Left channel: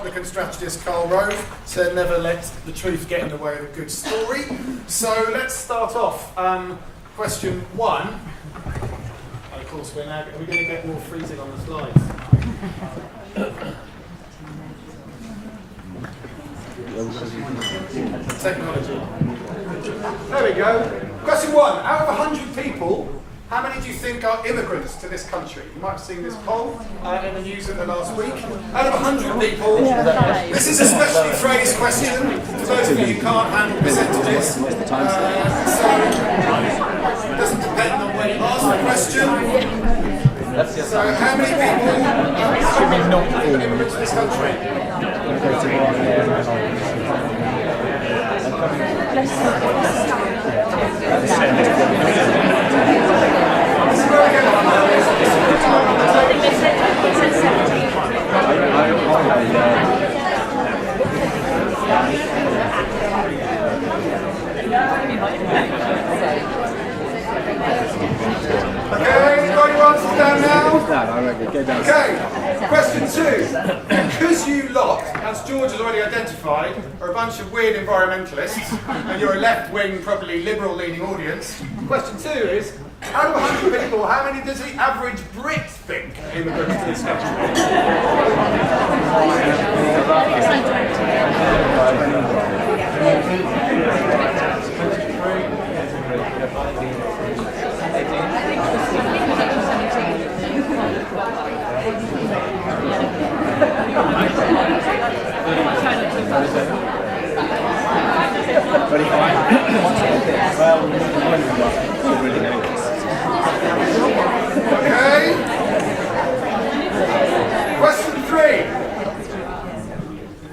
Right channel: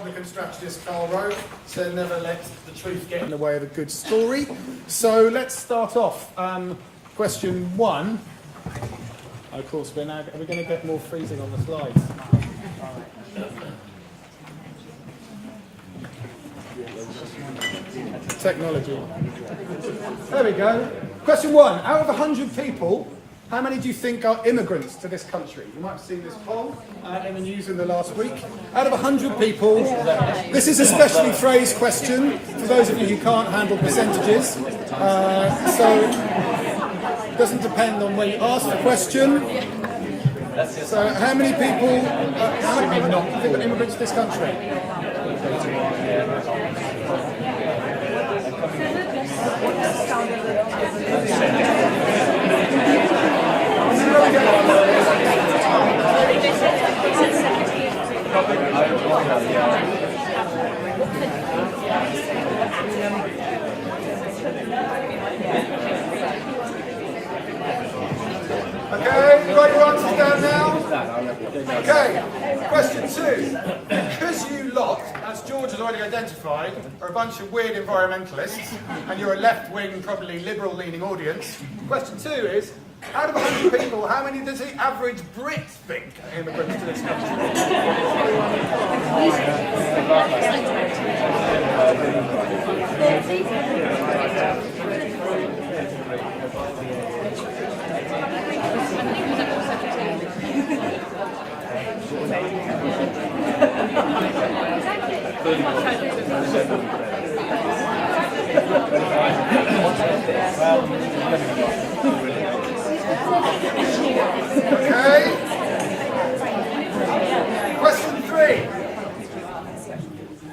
Republican strategist Karl Rove to never let the truth get in the way of a good story. So let's start off. Question 1. Of course, we're going to get more freezing on the slides. Technology. There we go. Question 1. Out of 100 people, how many do you think are immigrants to this country? You might have seen this poll in the news in the last week. Out of 100 people, this is a specially phrased question for those of you who can't handle percentages. So it doesn't depend on when you ask the question. So how many people are immigrants to this country? Okay, question 2. Because you lot, as George has already identified, are a bunch of weird environmentalists, and you're a left-wing, probably liberal-leaning audience, question 2 is, out of 100 people, how many does the average Brit think are immigrants to this country? Okay. Question 3.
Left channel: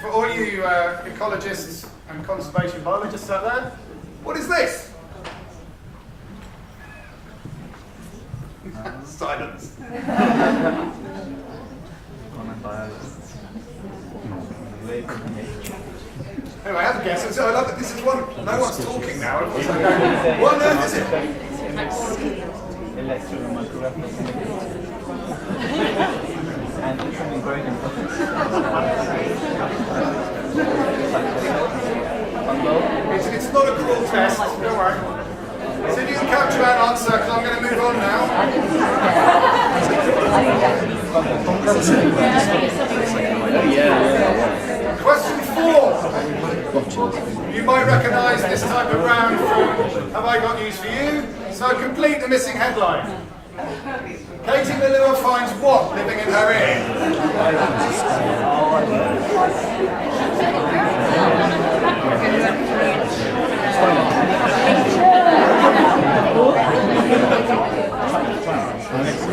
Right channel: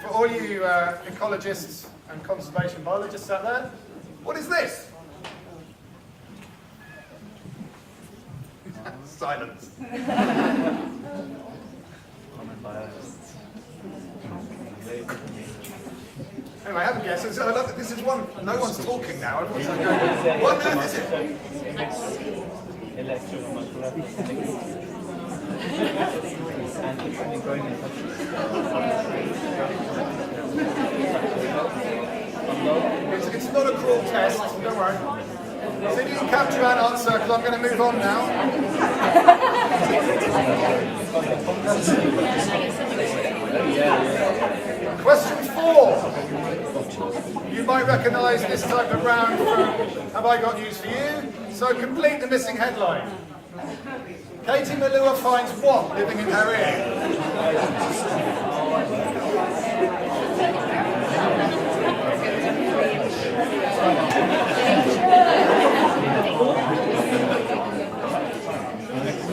For all you ecologists and conservation biologists out there, what is this? Silence. Anyway, I have a guess. So I love that this is one. No one's talking now. What on earth is it? It's not a cruel test. Don't worry. So you can capture that answer because I'm going to move on now. Question 4. You might recognise this type of round from Have I Got News For You? So complete the missing headline. Katie Malua finds what living in her ear?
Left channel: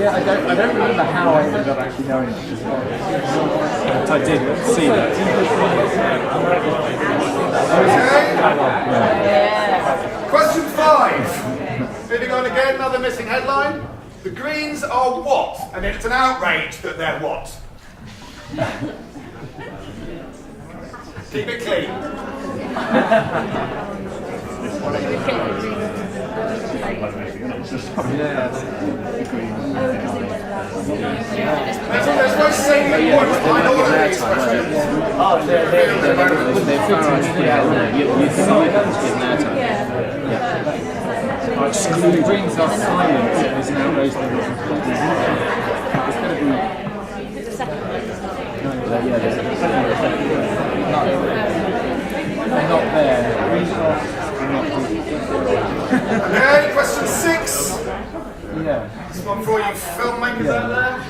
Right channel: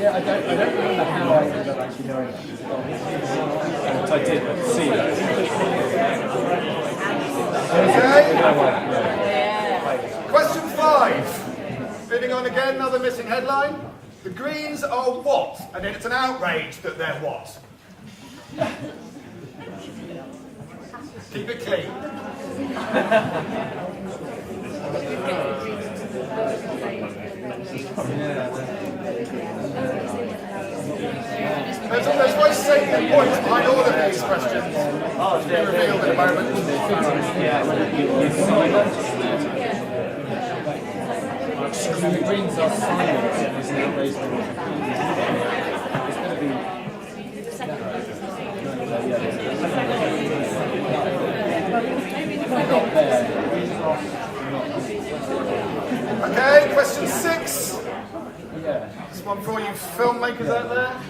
Yeah, I don't remember how I ended up actually knowing it. But I did see that. Okay. Question 5. Moving on again, another missing headline. The Greens are what? And it's an outrage that they're what? Keep it clean. There's no salient point behind all of these questions. So the Greens are silent. There's no race to it. It's going to be. Not there. Greens are not good. Okay, question 6. Yeah. This one for all you filmmakers out there.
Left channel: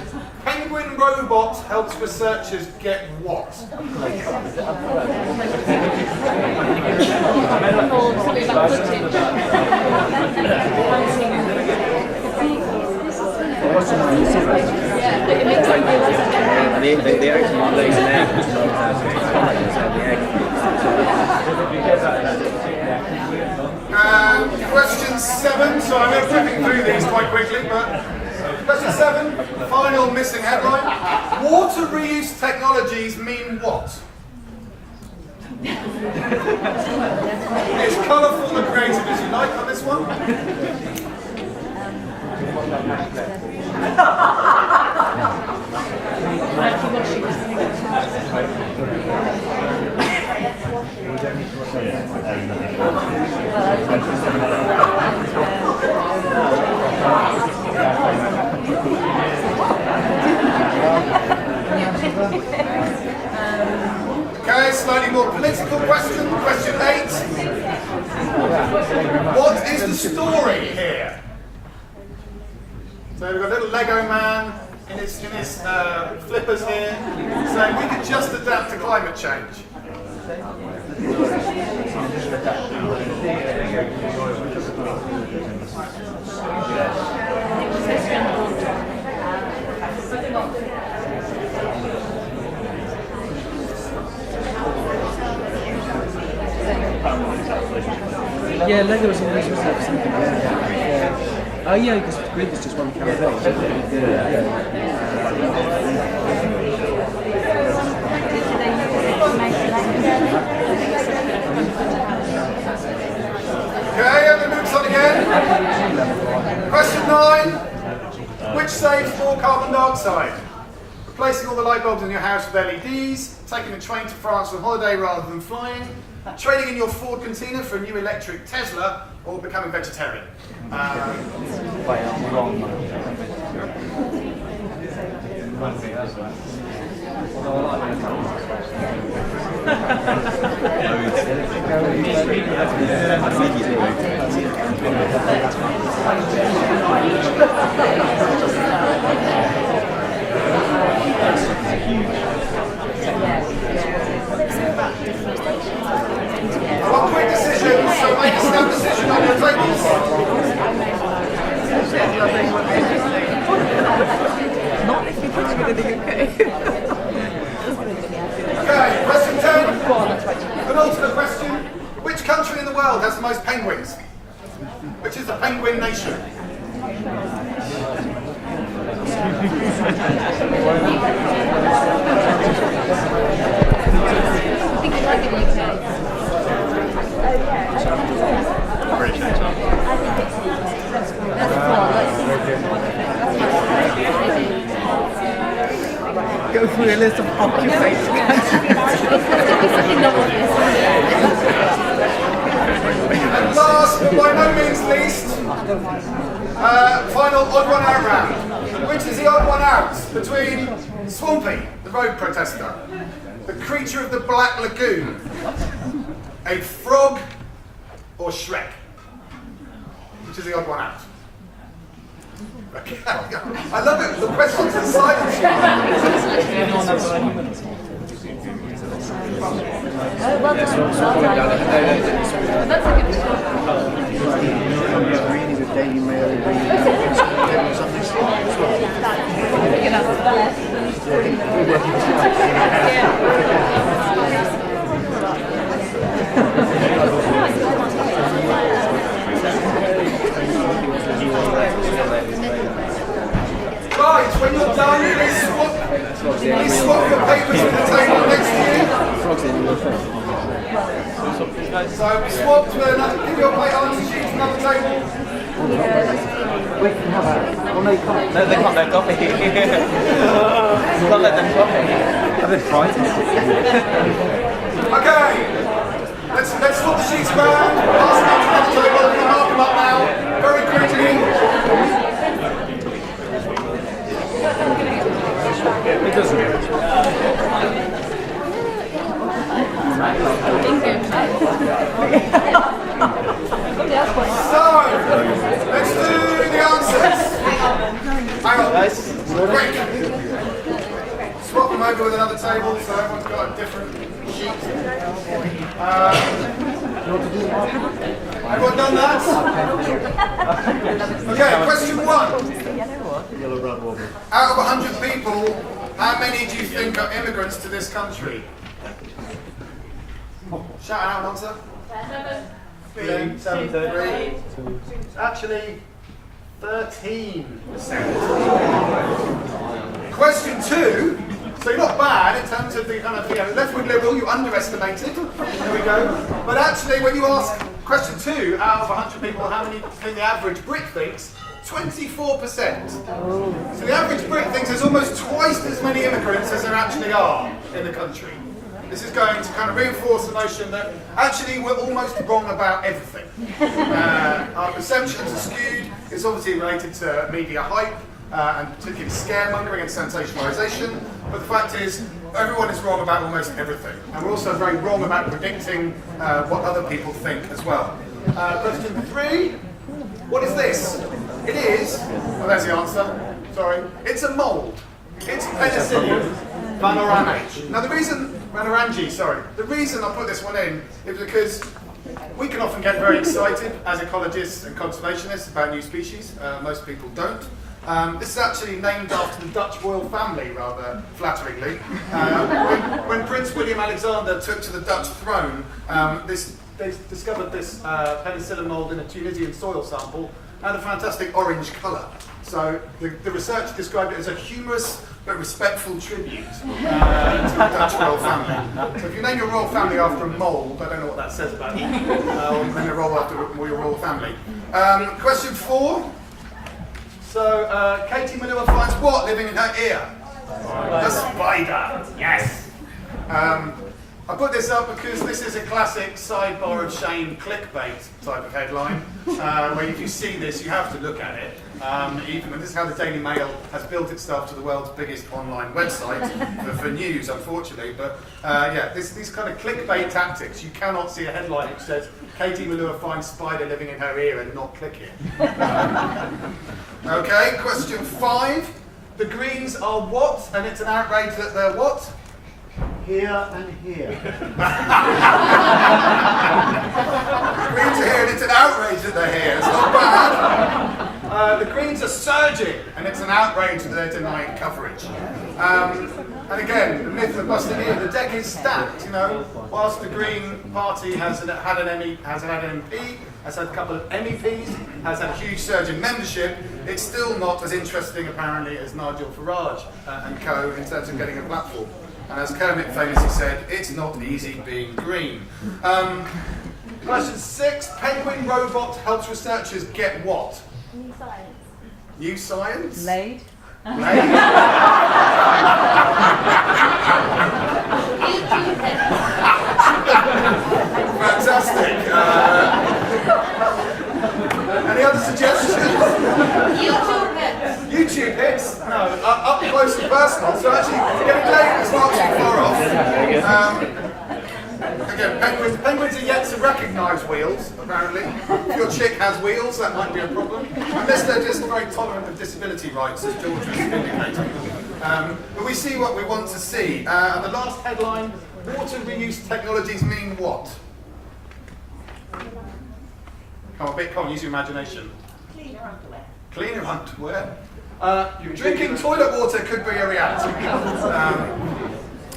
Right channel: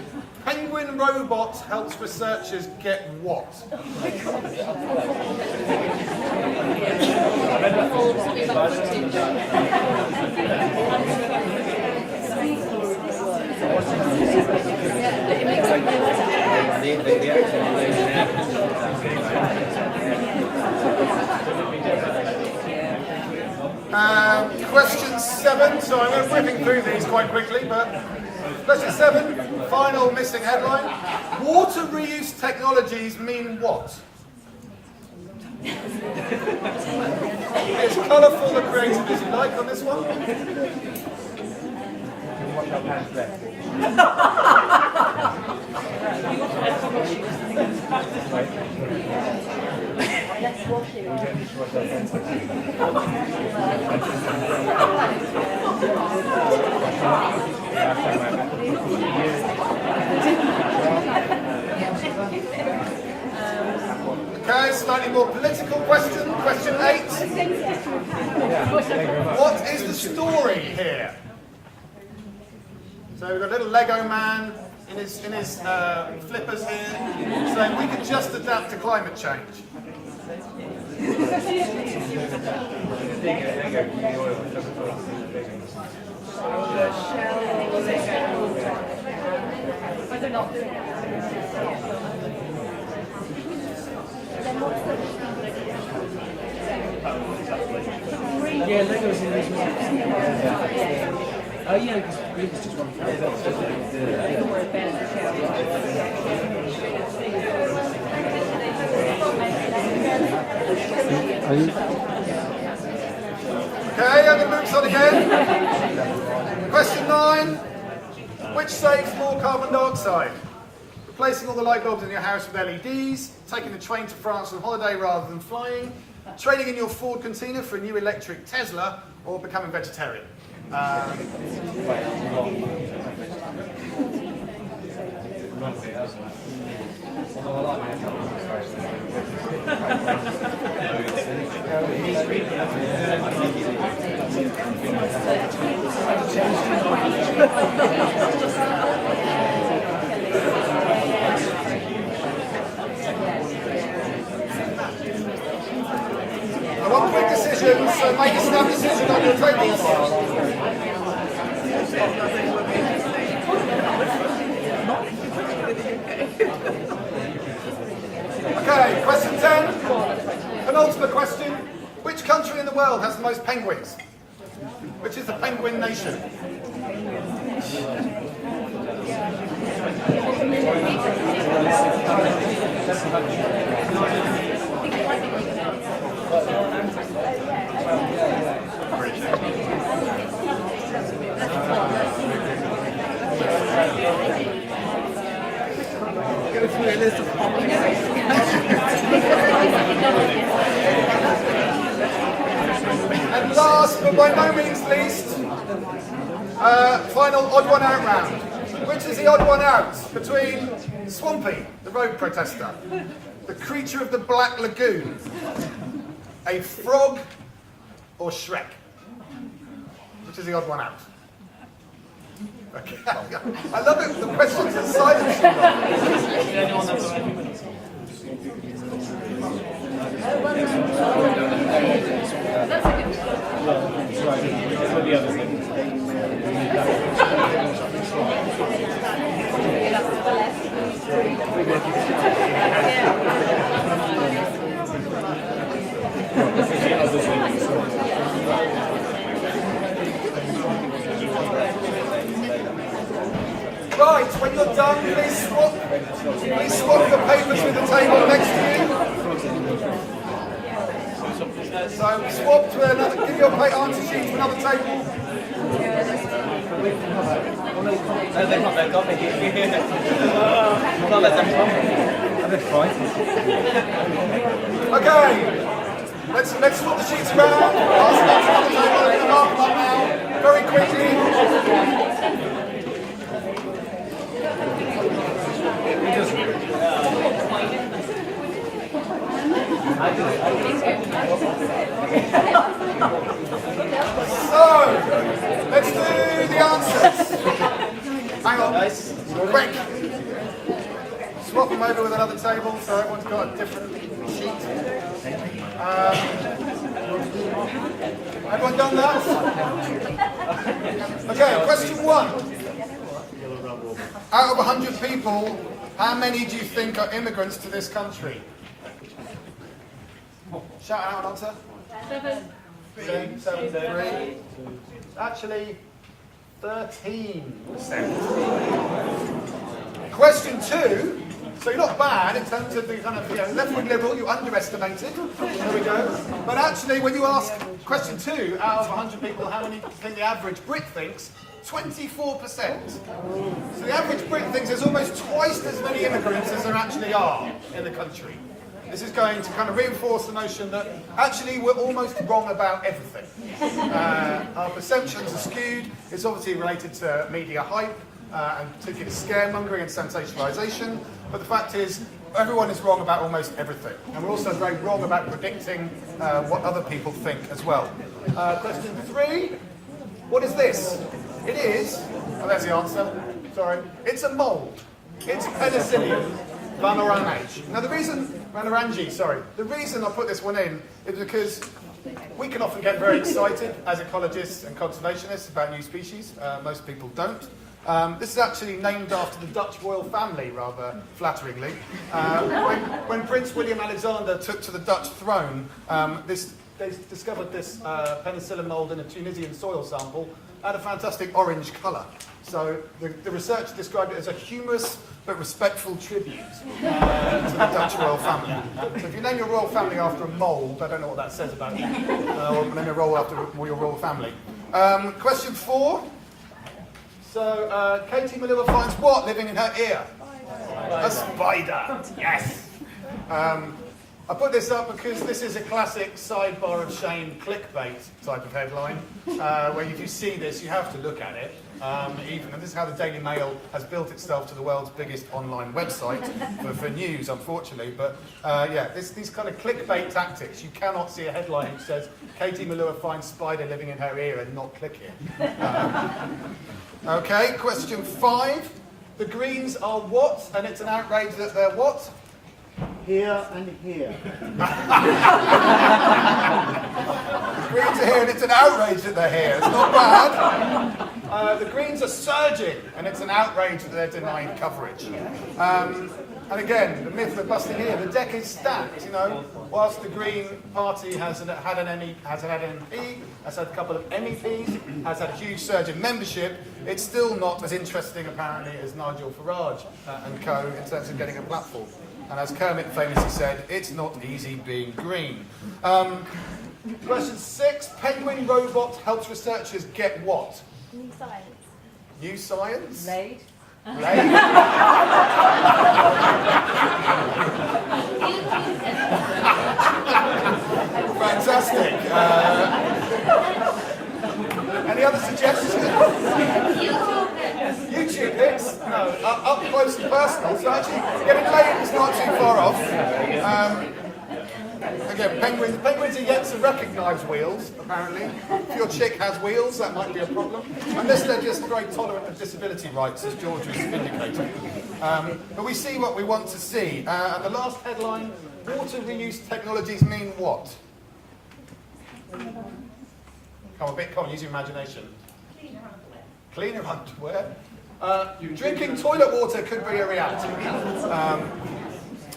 Penguin robot helps researchers get what? Question 7, so I'm flicking through these quite quickly, but question 7, final missing headline. Water reuse technologies mean what? As colourful and creative as you like on this one. slightly more political question, question 8. What is the story here? So we've got a little Lego man in his flippers here, saying we could just adapt to climate change. Yeah, Lego's in this, wasn't it? Oh yeah, because Greek is just one character. Okay, and it moves on again. Question 9. Which saves more carbon dioxide? Replacing all the light bulbs in your house with LEDs, taking the train to France on holiday rather than flying, trading in your Ford Container for a new electric Tesla, or becoming vegetarian? I want quick decisions, so make a snap decision on your tables. Okay, question 10. Penultimate question. Which country in the world has the most penguins? Which is the penguin nation? Go through a list of occupations. And last but by no means least, final odd one out round. Which is the odd one out between Swampy, the road protester, the creature of the Black Lagoon, a frog, or Shrek? Which is the odd one out? Okay. I love it, the questions are silent. That's a Right, when you're done, please swap your papers with the table next to you. So swap to another, give your answer sheet to another table. No, they can't. They've got it. You can't let them come. They're fine. Okay, let's swap the sheets around. Pass them out to another table. I'm going to mark them up now, very quickly. It doesn't. So, let's do the answers. Hang on, quick. Swap them over with another table so everyone's got a different sheet. Everyone done that? Okay, question 1. Out of 100 people, how many do you think are immigrants to this country? Shout out an answer. 7. 3. Actually, 13%. Question 2. So you're not bad in terms of the kind of left-wing liberal, you underestimated. There we go. But actually, when you ask question 2, out of 100 people, how many do you think the average Brit thinks? 24%. So the average Brit thinks there's almost twice as many immigrants as there actually are in the country. This is going to kind of reinforce the notion that actually we're almost wrong about everything. Our perceptions are skewed. It's obviously related to media hype. and particularly scaremongering and sensationalisation. But the fact is, everyone is wrong about almost everything. And we're also very wrong about predicting what other people think as well. Question 3, what is this? It is, oh, there's the answer, sorry, it's a mould. It's penicillium vanorangii. Now the reason I put this one in is because we can often get very excited as ecologists and conservationists about new species. Most people don't. This is actually named after the Dutch royal family, rather flatteringly. When Prince William Alexander took to the Dutch throne, they discovered this penicillin mould in a Tunisian soil sample and a fantastic orange colour. So the research described it as a humorous but respectful tribute to the Dutch royal family. So if you name your royal family after a mould, I don't know what that says about you, or name your royal family. Question 4. So Katie Manila finds what living in her ear? A spider. Yes. I put this up because this is a classic sidebar of shame clickbait type of headline, where if you see this, you have to look at it. And this is how the Daily Mail has built itself to the world's biggest online website for news, unfortunately. But yeah, these kind of clickbait tactics, you cannot see a headline which says, Katie Malua finds spider living in her ear and not click it. Okay, question 5. The Greens are what? And it's an outrage that they're what? Here and here. Greens are here and it's an outrage that they're here. It's not bad. The Greens are surging and it's an outrage that they're denying coverage. And again, the myth of busting here, the deck is stacked. You know, whilst the Green Party has had an MP, has had a couple of MEPs, has had a huge surge in membership, it's still not as interesting apparently as Nigel Farage and co in terms of getting a platform. And as Kermit famously said, it's not easy being green. Question 6, penguin robot helps researchers get what? New science. New science? Laid. Fantastic. Any other suggestions? YouTube hits? No, up close and personal, so actually getting laid is not too far off. Again, penguins are yet to recognise wheels, apparently. If your chick has wheels, that might be a problem. Unless they're just very tolerant of disability rights, as George was indicating. But we see what we want to see. And the last headline, water reuse technologies mean what? Come on, use your imagination. Cleaner underwear. Cleaner underwear. Drinking toilet water could be a reality.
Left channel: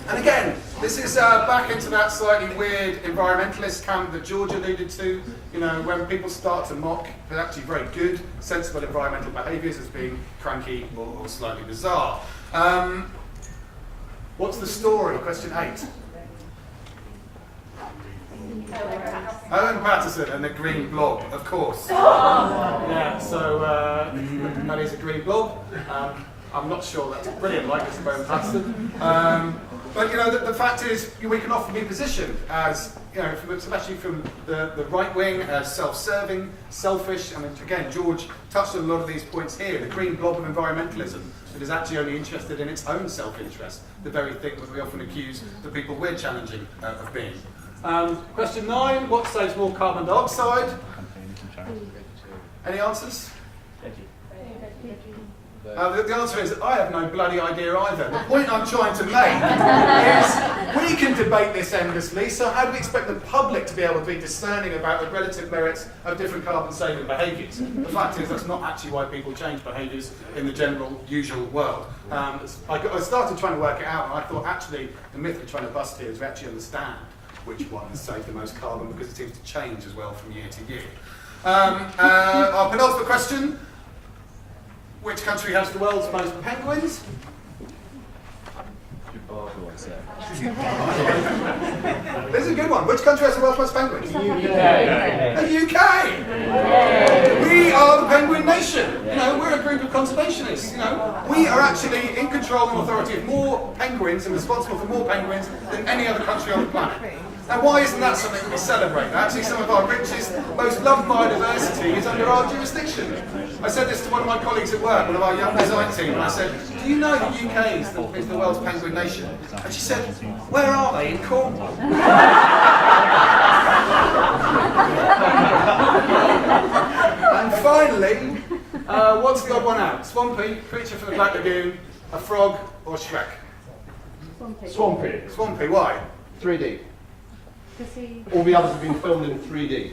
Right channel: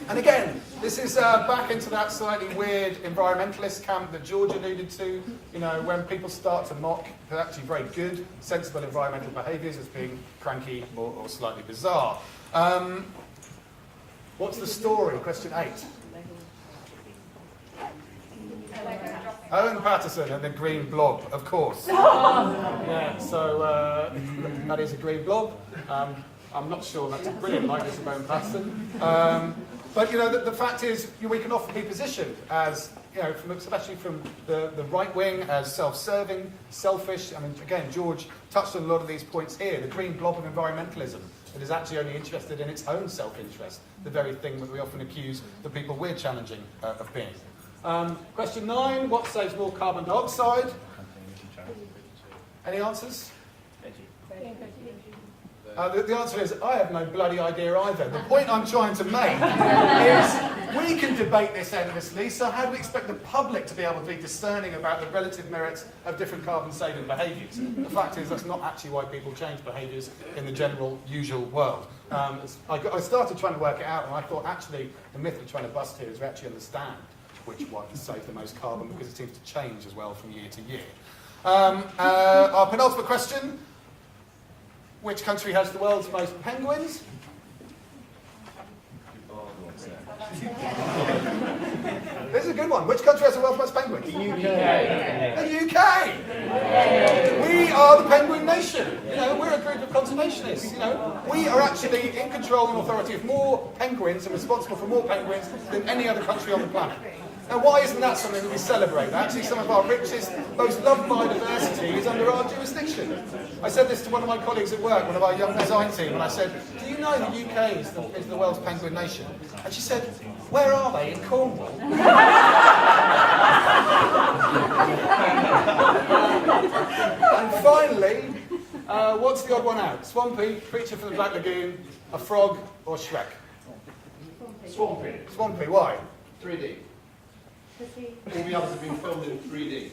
And again, this is back into that slightly weird environmentalist camp that George alluded to. You know, when people start to mock the actually very good, sensible environmental behaviours as being cranky or slightly bizarre. What's the story? Question 8. Owen Patterson and the green blob, of course. Yeah, so that is a green blob. I'm not sure that's a brilliant likeness of Owen Patterson. But you know, the fact is, we can often be positioned as, you know, especially from the right wing, as self-serving, selfish. I mean, again, George touched on a lot of these points here. The green blob of environmentalism that is actually only interested in its own self-interest, the very thing that we often accuse the people we're challenging of being. Question 9, what saves more carbon dioxide? Any answers? The answer is, I have no bloody idea either. The point I'm trying to make is, we can debate this endlessly, so how do we expect the public to be able to be discerning about the relative merits of different carbon-saving behaviours? The fact is, that's not actually why people change behaviours in the general, usual world. I started trying to work it out, and I thought, actually, the myth we're trying to bust here is we actually understand which ones save the most carbon, because it seems to change as well from year to year. Our penultimate question. Which country has the world's most penguins? This is a good one. Which country has the world's most penguins? The UK. The UK! We are the penguin nation. You know, we're a group of conservationists. You know, we are actually in control and authority of more penguins and responsible for more penguins than any other country on the planet. Now, why isn't that something that we celebrate? Actually, some of our richest, most loved biodiversity is under our jurisdiction. I said this to one of my colleagues at work, one of our young design team, and I said, do you know the UK is the world's penguin nation? And she said, where are they? In Cornwall. And finally, what's the odd one out? Swampy, creature from the Black Lagoon, a frog, or Shrek? Swampy. Swampy, why? 3D. Pussy. All the others have been filmed in 3D.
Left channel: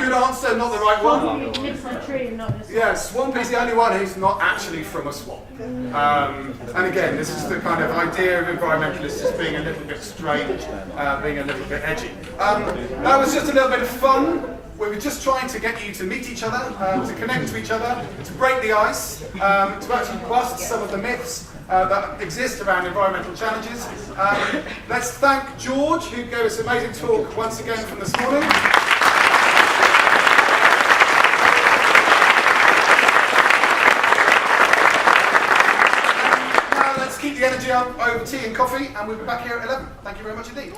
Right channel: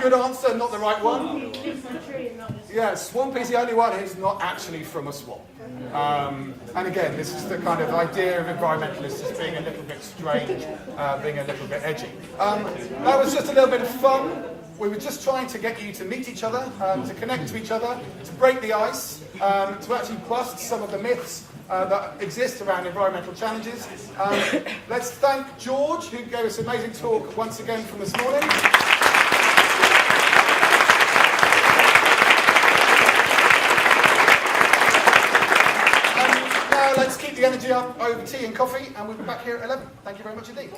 Good answer, not the right one. Lives on a tree, not in a Yeah, Swampy's the only one who's not actually from a swamp. And again, this is the kind of idea of environmentalists as being a little bit strange, being a little bit edgy. That was just a little bit of fun. We were just trying to get you to meet each other, to connect to each other, to break the ice, to actually bust some of the myths that exist around environmental challenges. Let's thank George, who gave us an amazing talk once again from this morning. Now let's keep the energy up over tea and coffee, and we'll be back here at 11. Thank you very much indeed.